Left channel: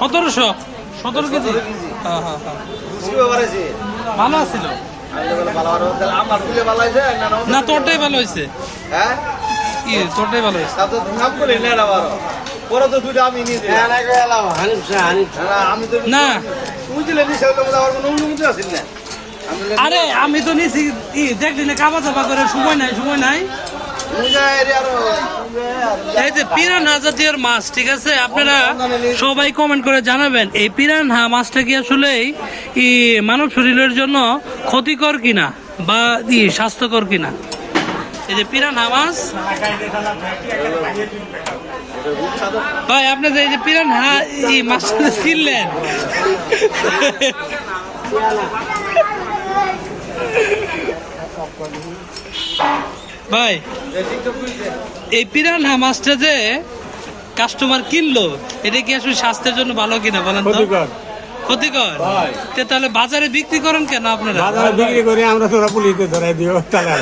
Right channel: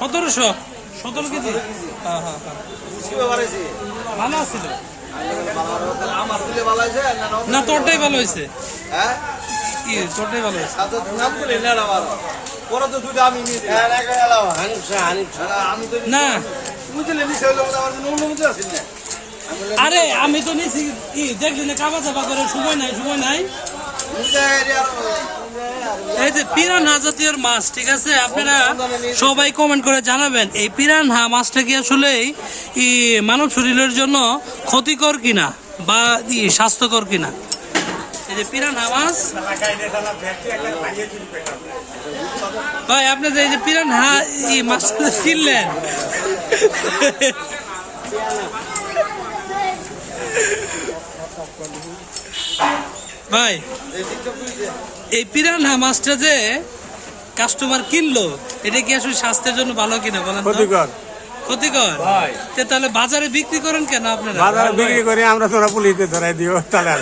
1700 KG. হ্যাঁ হ্যাঁ ভালো আছিল না, তোরটাই ভালো হয়েছে। কি তোরটাই ভালো হয়েছে? না আরে আমি তো নিছি কি দেখ দিলে কাবা চাপা করে, সময় নাই। এই যে পিরানহা জাতীয় মাছ, ঠিক আছে, আপনারা সবাই কমেন্ট করে জানাবেন এই পিরানহা মাছটা কি আসলে মানব শরীরের জন্য ক্ষতিকর কিনা বা স্বাস্থ্যকর কিনা। এই যে পিরানহা মাছ ভাই, আপনি যে এই যে পিরানহা এই মাছটা কিনলেন ভাই, এই পিরানহা মাছটা যে কাস্টমার কিনলো, এটা কি আসলে স্বাস্থ্যের জন্য ভালো কিনা বলেন? ক্ষতিকর। তাহলে বাজারে বিক্রি করেন কেন আপনারা? বাজারে বিক্রি করে আমরা তোরা পুলিশে ধরাই দিও তাহলে